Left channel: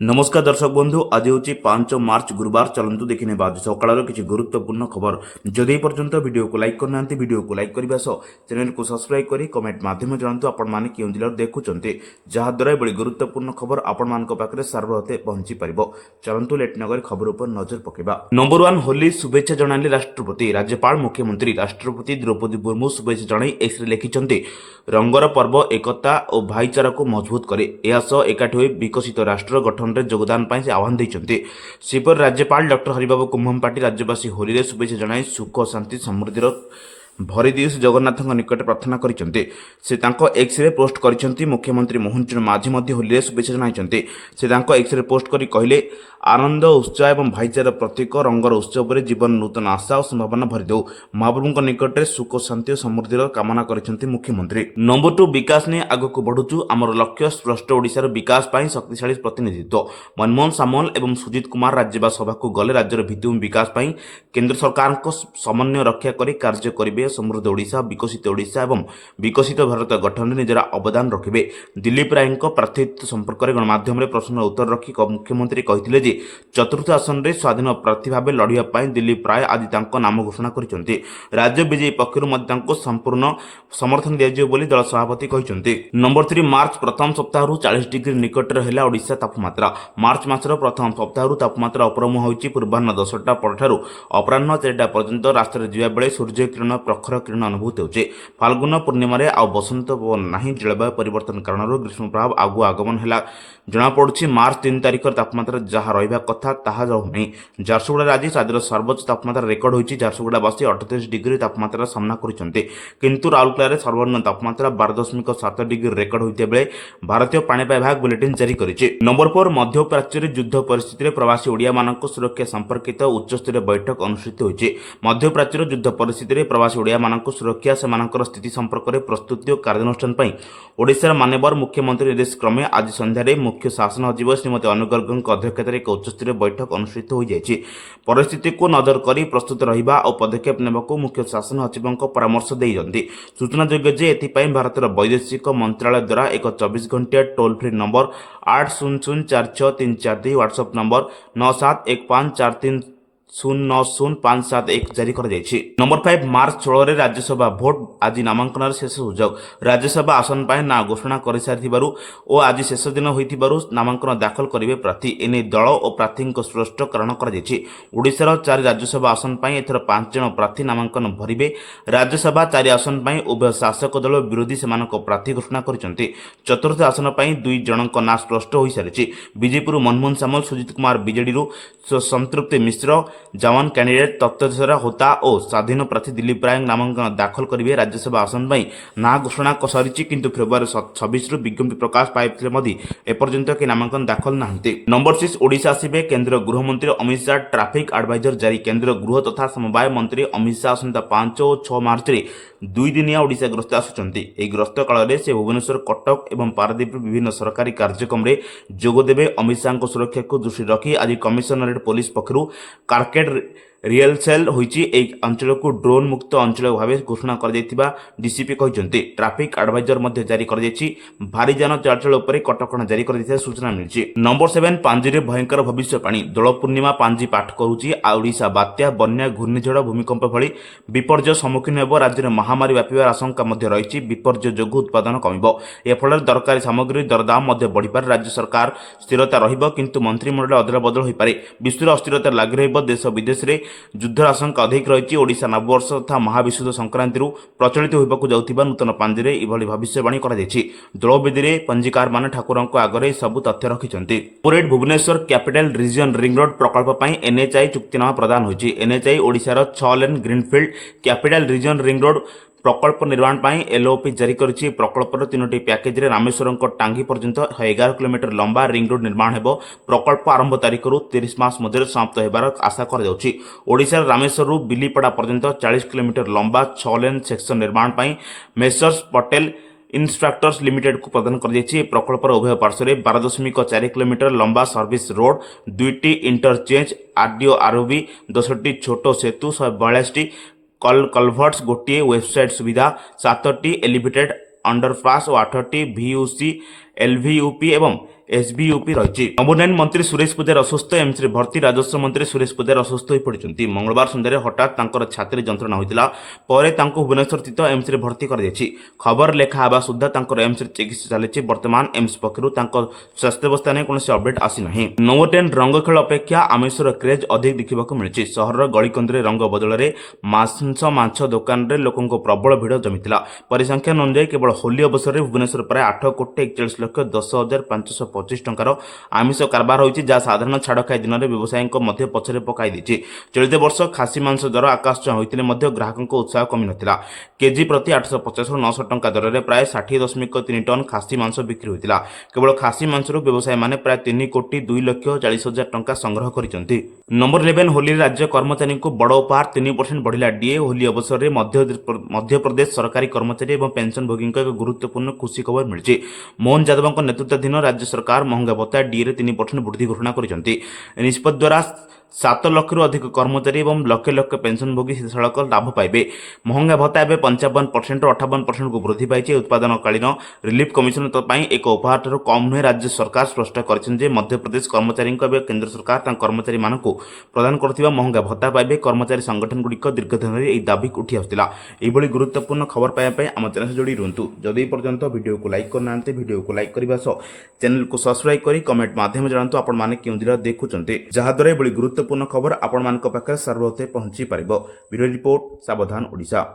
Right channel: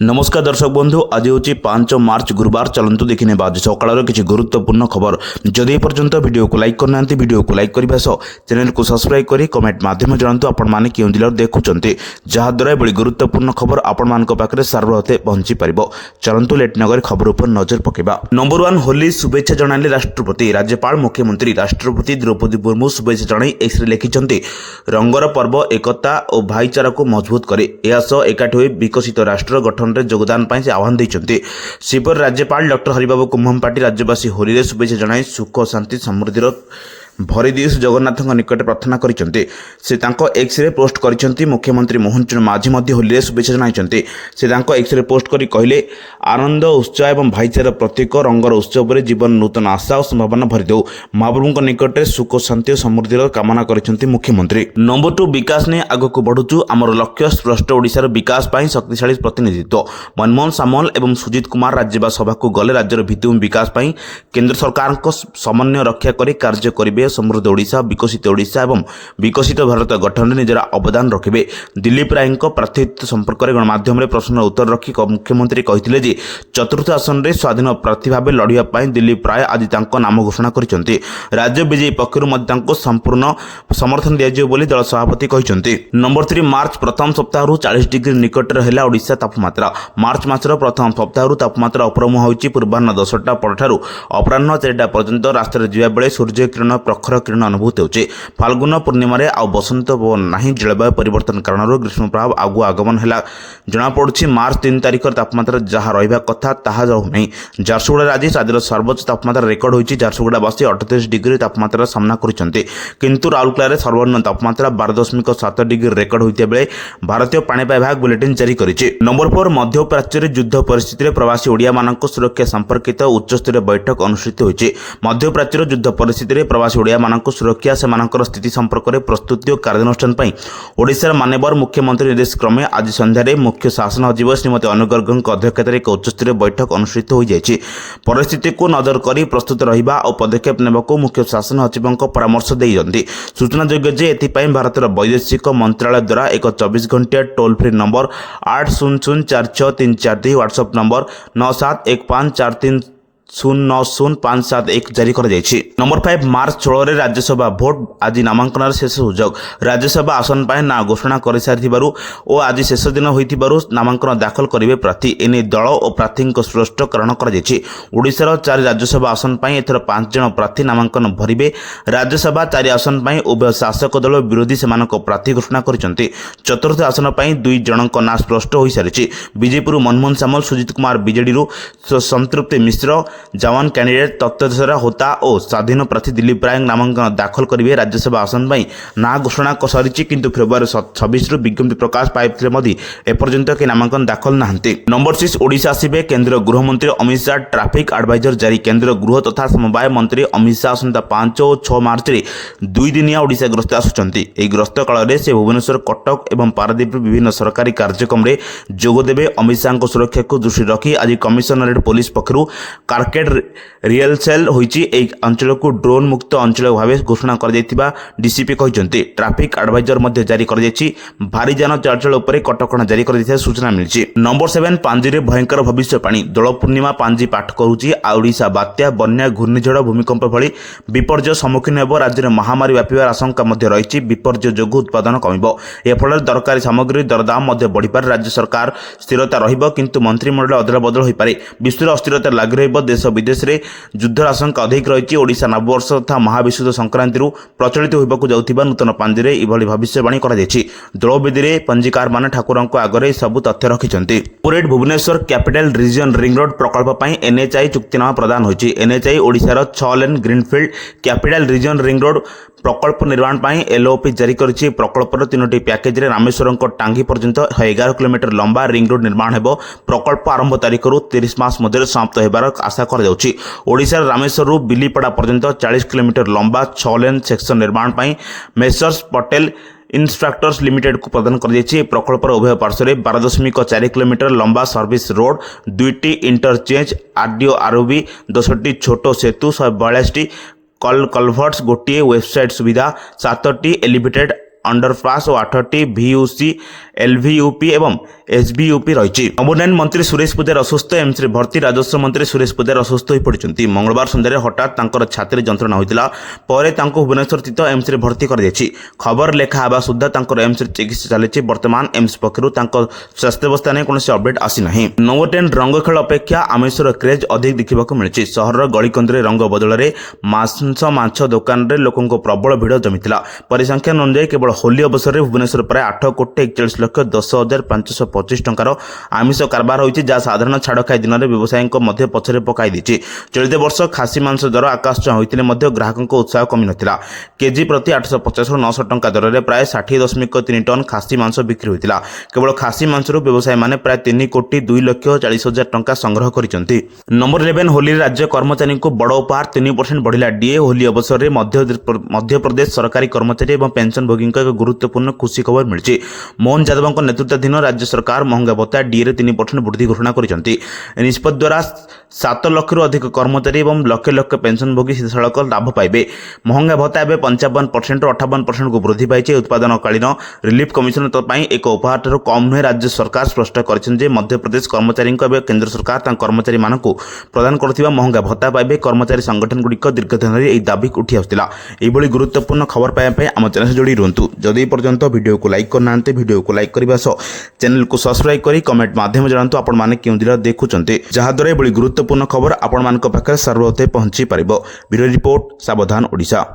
नमस्कार दर्शक बंधु आज हूँ 5 मार्च गुरुवार चलतु देखने आज सकाल किसी गुरुत्वपूर्ण खबर जदि पर्यंत वीडियो को लाइक करना वीडियो को लाइक करने सह चैनल को सब्सक्राइब कर कमेंट माध्यम जानतु आपण क्यों जिले देखुंत जहाद्वारा एभली गुरुत्वपूर्ण खबर आपण पाखे सार्वभौते पहुंची पार। चलतु लेट नगर खबर पर नजर पकेबा। नंबर 1 होली शुभेच्छा जणाइले राष्ट्रपति राज्यपाल मुख्यमंत्री राष्ट्रपति द्रौपदी मुर्मू शुभेच्छा जणाई एक्सरे लिखिंट रंगर पर्व एकता और भाईचारा को मजबूत करे एकाठी होई विकसित राष्ट्र गठन योगदान पाई से आह्वान देते। सेपरि राज्यपाल डॉक्टर हरिबाबू कुम्भमपाटी राज्यवासी होली शुभेच्छा जणाई सुख शांति समृद्धि भरिदी जगन्नाथ निकट प्रार्थना करते। एक्सरे पोस्ट करते मुख्यमंत्री मोहन चरण माझी होली शुभेच्छा जणाई से एक्सरे पोस्ट कर कहले आनंद उत्साह और भाईचार प्रतीक रंगर उत्सव में जीवन नूतन आशा और संभावना भरिदेव महाप्रभु निकट सुख शांति और समृद्धि कामना करते मुख्यमंत्री। नंबर 2 विकास ने आगक बढ़ुचु आमर लक्ष्य स्पष्ट ओडिशार विकास पाई शक्तिशाली प्रतिनिधित्व मनमोहन सामल एवं सुजित कुमार राज्यसभा सभा को गले राज्यर भित्तिभूमि विकास पाई केंद्र सरकार समन्वय रक्षा कर कार्य करेंगे समृद्ध ओडिशा विकसित ओडिशा एवं विकसित भारत गठन में निजर अवदान रखिए। दिलीप राय प्रार्थित्व संपर्क में गणमाध्यम प्रश्न उत्तर रखी मुख्यमंत्री कहते चतुर्थ आसन में स्वाधीन प्रार्थी भाव लड़ाई दिलीप राय आज नाम घोषणा करते। राज्य बीजेपी पक्षर संपूर्ण समर्थन दिया दल सभापति कहते। नंबर 3 मार्च प्रथम सप्ताह 40 डिग्री निकट है ओडिशा तापमात्रा मार्च मासर प्रथम सप्ताह तापमात्रा उपरमुह होती पूर्वाह्न 10टा पर अपराह 4टा पर्यंत रास्तार जा बेले सूर्य किरण प्रखर किरण अनुभूत होचे। फाल्गुन पूर्णिमा आ बसंत पवन नहीं जलवायु परिवर्तन कारण ग्रीष्म प्रभाव आगु आगमन है जमापड़ी। मार्च 3 तारिख तापमात्रा जहाँ रहा कथा ताहा रहूना। झारसुगुड़ा आज राज्यर सर्वोच्च तापमात्रा रेकर्ड होती। झारसुगुड़ावासी 38 डिग्री तापमात्रा सामना करते किंतु राउरकेला सर्वनिम्न तापमात्रा 12.7 डिग्री रेकर्ड होता बेले भारतीय पाणीपाग विभाग बुलेटिन जारी करिछि। नंबर 4 मध्यप्राच्य युद्ध परिस्थिति प्रवासी ओडिया मानक सुरक्षा संपर्कित उच्चस्तरीय बैठक अनुष्ठित होइछि। मध्यप्राच्य युद्ध परिस्थिति प्रवासी ओडिया मानक सुरक्षा सेमानकर स्थिति संपर्क में प्रस्तुति और कार्यानुष्ठान पर ओडिशार माननीय मुख्यमंत्री निर्देश क्रमे आज संध्यारे मुख्य शासन सचिव श्रीमती अनु गर्गଙ୍କ अध्यक्षतार एक उच्चस्तरीय बैठक अनुष्ठित हो जाइछि। परिस्थिति को नजर कर प्रस्तुत रहिबा और पदक्षेप नेबाकू मुख्य शासन सचिवଙ୍କ परामर्श देइछन्ति। सूचनायोग्य जे एथिपाई भारतर वैदेशिक मंत्रालय द्वारा एक 24 घंटिया toll free number 80046342 WhatsApp number 971543090571 जारी कर जाइछि। नंबर 5 मार्च 16 राज्यसभा भोट आज नामांकन शेष सुजोग राज्यसभा आसन पर ना घोषणा कर सारिथिबारु और आज शेष दिन होइथिबारु नामांकन दाखल करिवे प्रार्थी एने दल और प्रार्थी स्पष्ट कारण कर जाइछि। ओडिशार 4 राज्यसभा आसन पर एथर 5 जन प्रार्थी नामांकन भरिबे। राज्यसभा 4 आसन पर उभय शासक दल विरोधी सेमानक प्रार्थी घोषणा करिसंति। चतुर्थ आसन पर 2 जनक ना स्पष्ट हो सारिछि। बीजेपी मनमोहन सामल सुजित कुमार बीजेडी संतृप्ति मिश्र जवान कैंडिडेट तत्वरा होता और स्वाधीन प्रार्थी दिलीप राय नामांकन दाखल करेंगे। राज्यसभा आसन पर ना घोषणा सरी किंतु फेब्रुआरी 26 विज्ञप्ति प्रकाश पाई एपर्यंत कि नामांकन दाखल नहांती। नंबर 6 ओडिशा आसिबे केंद्र गृहमंत्री अमित शाह ट्राफिक एडवाइजर जारी केंद्र गृह तथा समवाय मंत्री अमित शाह आसंता 5 और 6 मार्च में 2 दिनिया ओडिशा गस्त आसुचंती। एही गस्त काल में से भुवनेश्वर कटक और पारादीप विभिन्न सरकारी कार्यक्रम में जोगदेवे। अमित शाह सुरक्षा को दृष्टि रखी आज कमिशनरेट पुलिस पक्षर कार्केट रियल सेल होइछि। एक अंचल को ड्रोन मुक्त अंचल भाव घोषणा कर डीसीपी कहते। ट्राफिक एडवाइजर मध्य जारी कर भारी जान चलाचल उपर कटकणा जारी कर सूचना मिली। नंबर 7 पांजी भयंकर भविष्यवाणी दोल पूर्णिमा पांजी पाठ करुच्ची। ओडिशा बात्या बन्या घूर्णिझड़ भूमिकंप भली विपर्यय सम्मुखीन होब। राज्य में महामारी व्यापार आशंका रही विपर्यय जो उत्पादन कम एफल दरकारी सामग्री दरदाम बढ़िपारे। राज्य सरकार स्थिरता रहिबो किंतु मंत्रिमंडल अदला बदल हो पारे। विश्व अस्थिरता लागू रहिबो। देश विदेश में युद्ध आशंका अधिक रही। ओडिशा नववर्ष तथा महाविशुद्ध संक्रांति प्रचलित होबाकू जाउथिबा नूतन पांजिरे इभली भविष्यवाणी करा जायछि। द्रौपदी पंजीकार माने ठाकुरଙ୍କ आगरे सबु तथ्य रखिछन्ति। Corporate Bhubaneswar capital region ring road प्रकल्प पई एनएचआई चुक्तिनामा प्रदान होइछि। एनएचआई ओडिशार 6 lane greenfield capital region ring road प्रकल्प निर्माण पर एलओपी जारी करिछि। प्रकल्पर 3टी पैकेज रे रामेश्वरम टांगी पर्यंत 11 किलोमीटर लंबा रिंग रोड निर्माण हेबो। प्रकल्प आरंभ तारीख 30 मास मध्य समाप्त हेबार आशा कर जाउछि। ओडिशा रामेश्वर बिलीपड़ा पर्यंत 40 किलोमीटर लंबा 6 लेन सेक्शन निर्माण पर मेसर्स पटेल इंफ्रास्ट्रक्चर्स लिमिटेड को प्रदान कर जाइछि। प्रकल्पर उभय पार्श्व 12.4 किलोमीटर लंबा सर्विस रोड 2टी इंटरचेंज आरडीओ आरओबी 10टी छोट सेतु 142टी कलभर्ट्स गोटे वेबसाइट सुविधा 7टी एलिवेटेड अंडरपास और 8टी VUC एलभियूपी एवं एसबीयूपी रही। नवोन्नयन मंत्री सुरेश पूजार असुस्थ, एम्स रे भर्ती। राजस्व मंत्री सुरेश पूजार असुस्थ हो पड़ते। मंगलवार सन्ध्यारे हठात तांकर छाती जंत्रणा होता, पर भुवनेश्वर स्थित एम्स रे भर्ती कर खबर लेखा हेबा सुद्धा तांकर एम्स रे चिकित्सा चली। वर्तमान एम्स पक्षरु तांकर स्वास्थ्यावस्था ने कौन अपडेट आसी ना। नवोटेन रंग खेल अपेक्षा आमिषर क्रेज अधिक देखा मिली। सहर गलिकंदरे रंग बदल में माछ दोकान रे लोकों प्रबल भिड़ जमीला। परिसंख्यान अनुसार केवल होली अवसर में भुवनेश्वर प्राय 8,41,10,525 टंकार आमिष कारबार होती, जहाँ साधारण छाड़ खाई दिन में व्यवसायी पछरे पकाई दी। चलित वर्ष खासी मांस दर आकाश छुआ होते ग्राहकों उत्साह कमी नथिला। केजी प्रति 850 ରୁ 900 टंका दर में प्राय 60.3 टन खासी मांस बिक्री होता। केवल खासी मांसरू व्यवसायी मैंने प्राय 3,40,40,000 टंका संग्रह करछंती। नंबर 11 होली राज्य कर्मचारी को बड़ उपहार। 3% बढ़िला डीए। होली अवसर में मध्य प्रदेश सरकारी कर्मचारी और पेंशनभोगी एक गुरुत्वपूर्ण खुशी खबर मिली। मोहन यादव नेतृत्वाधीन राज्य सरकार महंगा भत्ता डीए 3% वृद्धि घोषणा करछंती। निष्पत्ति द्वारा 7 लाख रु अधिक कर्मचारी और लक्ष लक्ष पेंशनभोगी सीधासलख लाभ पाइबे। महंगा भत्ता एवं 55% ରୁ 58% को वृद्धि पाई। उत्पादनकालीन रिलीफ कमिशन एक उपहार ठार कम नुहे। राज्य सरकार स्पष्ट कर मध्यप्रदेश कर्मचारी केंद्र सरकार कर्मचारी मान प्रदान कर महंगा भत्ता पाइबे। कर्मचारी संगठन गुड़िक दीर्घ दिन में दाबी उठी आसला। यह गुरुत्वपूर्ण खबर पाइबा आम चैनल से जोड़ी रुहतु। जदि पर्यंत वीडियो को लाइक करना, वीडियो को लाइक करने सह चैनल को सब्सक्राइब करी कमेंट माध्यम जानतु आपण माने केउ जिला देखुचंते, जहाद्वारा एभली गुरुत्वपूर्ण खबर आपण मानक पाखे सर्वप्रथम पहुंची पारिबो। ब्यूरो रिपोर्ट, सावधान ओडिशा।